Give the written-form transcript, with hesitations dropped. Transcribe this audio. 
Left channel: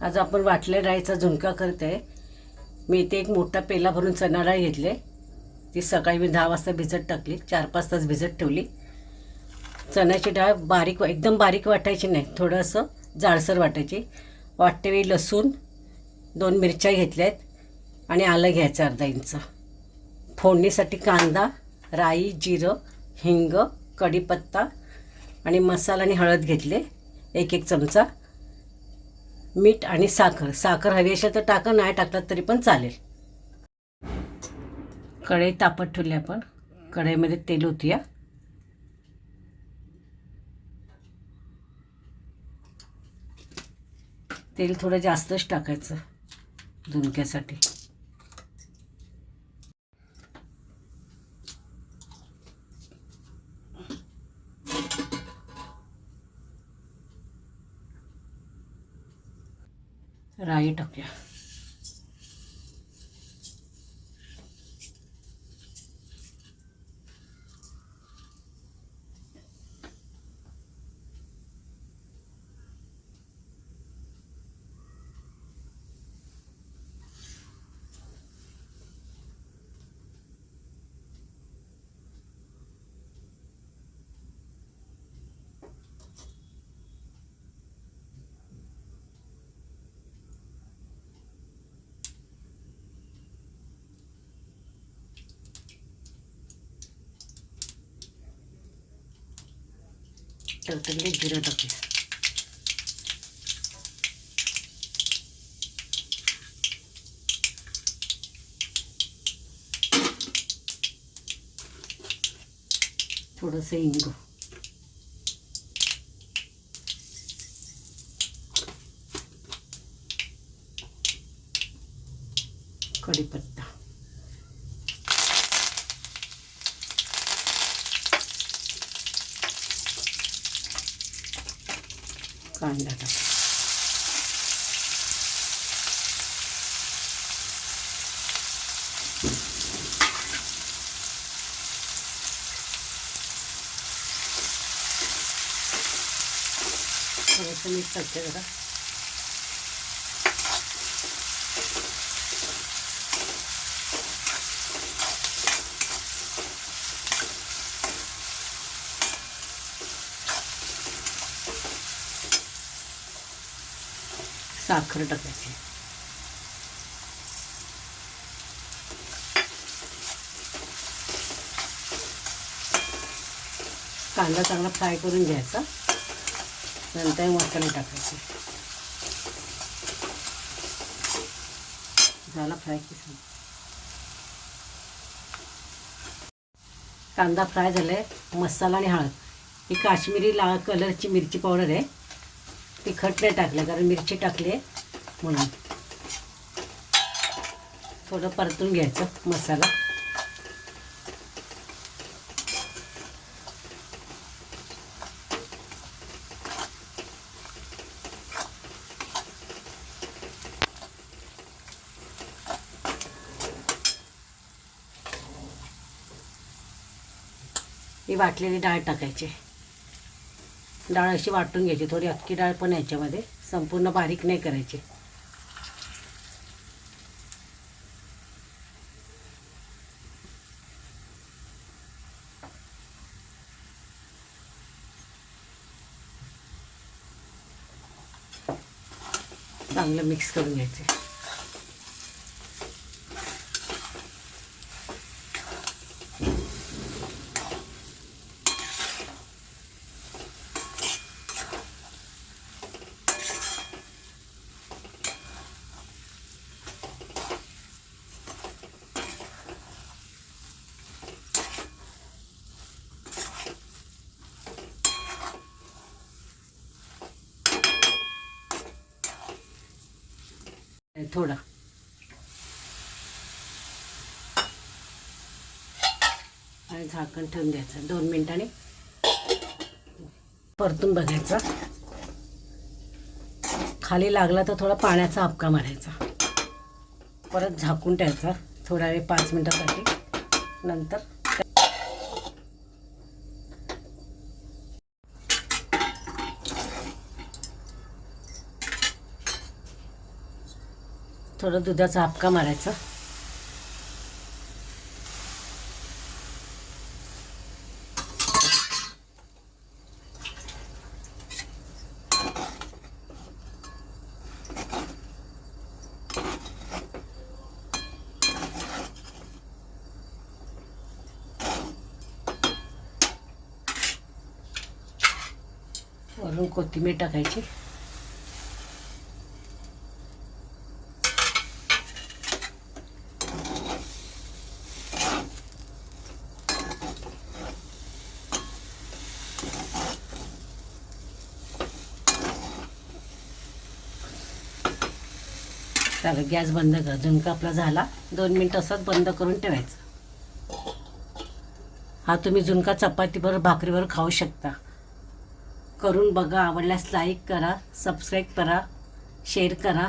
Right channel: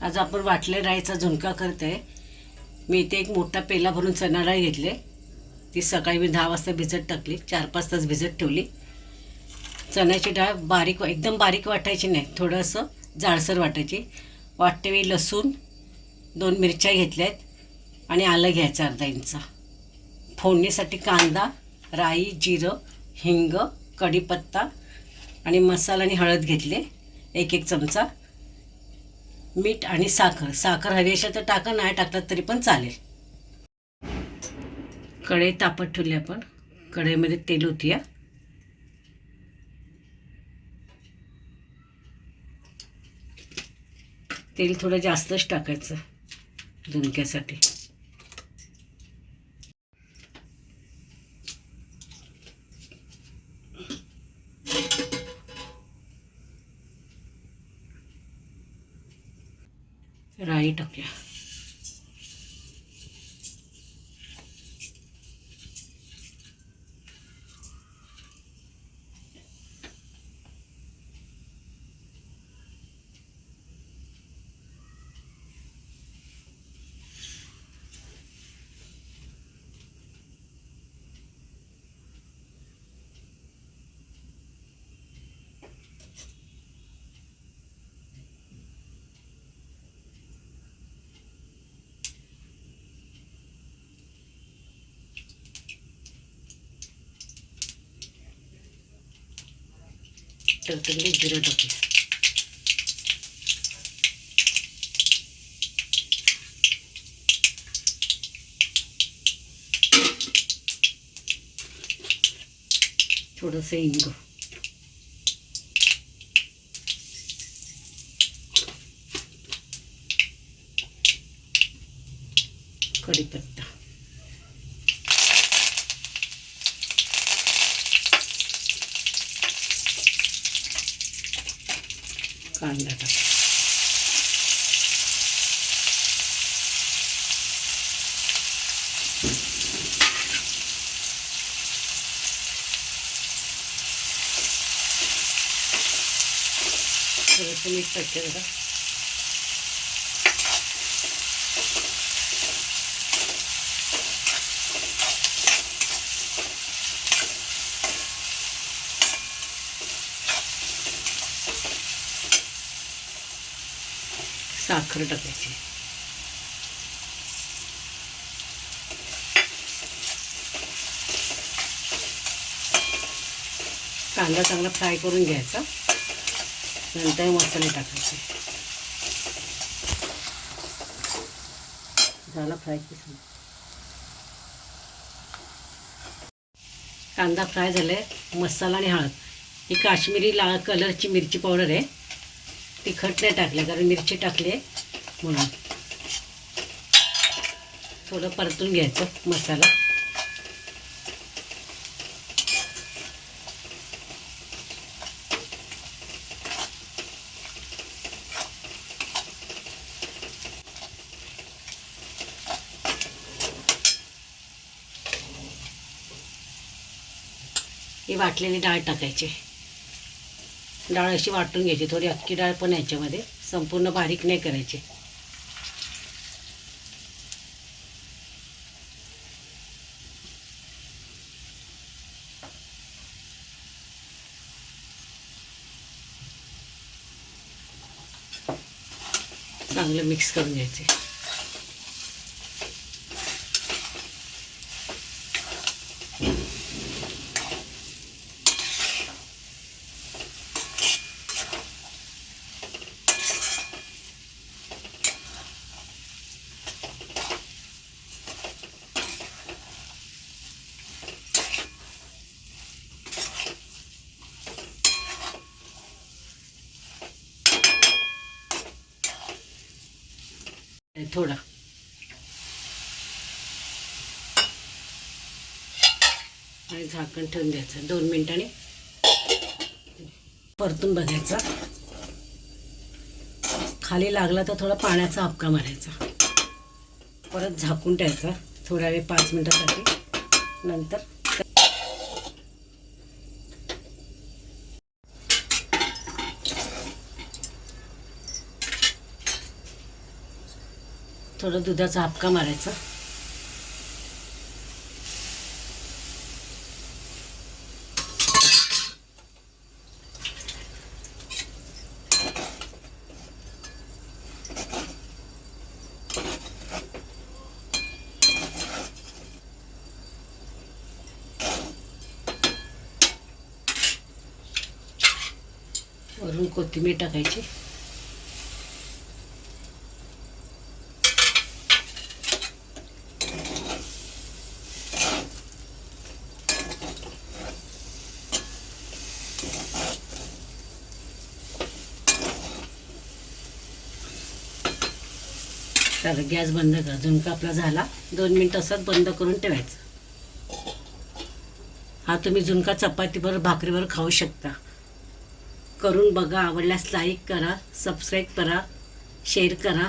आज आपण वाटल्या डाळीचा झुणका करते आहे। मी इथे एक मोठा पेला भरून चणा डाळ घेतले। ती सकाळी मी 10 वाजता भिजत टाकली, 4-5 तास भिजत ठेवली। चण्याची डाळ बारीक एकदम बारीक वाटायची नाही, थोडंसं जाडसर वाटायची। वाटतेवेळी लसूण 2 मिरच्या घेतल्यात आणि आलं घ्यायचं अर्धा इंच। फोडणीसाठी कांदा, राई, जिरं, हिंग, कढीपत्ता आणि मसाला आणि हळद घेतले 1-1 चमचा। मीठ आणि साखर, साखर हवी असेल तर टाका, नाही टाकलात तरी पण चालेल। कढई तापत ठेवली आपण, कढईमध्ये तेल ओतूया। तेल थोडं जास्तच टाकायचं झुणक्यासाठी। राई टाकूया। तडतडीत जिरं टाकूया। थोडंसं हिंग, कढीपत्ता, कांदा टाक, थोडंसं मीठ टाकते बघा। साखर टाकायची। कांदा चांगला फ्राय करून घ्यायचा, नंतर मसाले टाकायचे। झाला फ्राय की कांदा फ्राय झालाय। मसाला आणि हळद, ही काश्मीरी लाल कलरची मिरची पावडर आहे। तिखट नाही टाकलं कारण मिरची टाकली आहे म्हणून। थोडं परतून घ्यायचं मसाला। ही वाटलेली डाळ टाकायची। डाळ अशी वाटून घ्यायची, थोडी अख्खी डाळ पण याच्यामध्ये, संपूर्ण बारीक नाही करायची। चांगलं मिक्स करून घ्यायचे। थोडा आणि झाकण ठेवून द्यायचं 2 मिनिटांनी, परतून बघायचा। खाली लागला तर थोडा पाण्याचा हापका मारायचा, परत झाकून ठेवायचा थोडा वेळ 5 मिनिटासाठी। नंतर थोडं दुधाचा हापका मारायचा. वरून कोथिंबीर टाकायची. चला गॅस बंद करा. झुणका आपला झाला. 2 मिनिट असाच बंद करून ठेवायचा. हा तुम्ही झुणका चपातीबरोबर भाकरीवर खाऊ शकता. करून बघा. आवडल्यास लाईक करा, सबस्क्राईब करा, शेअर करा.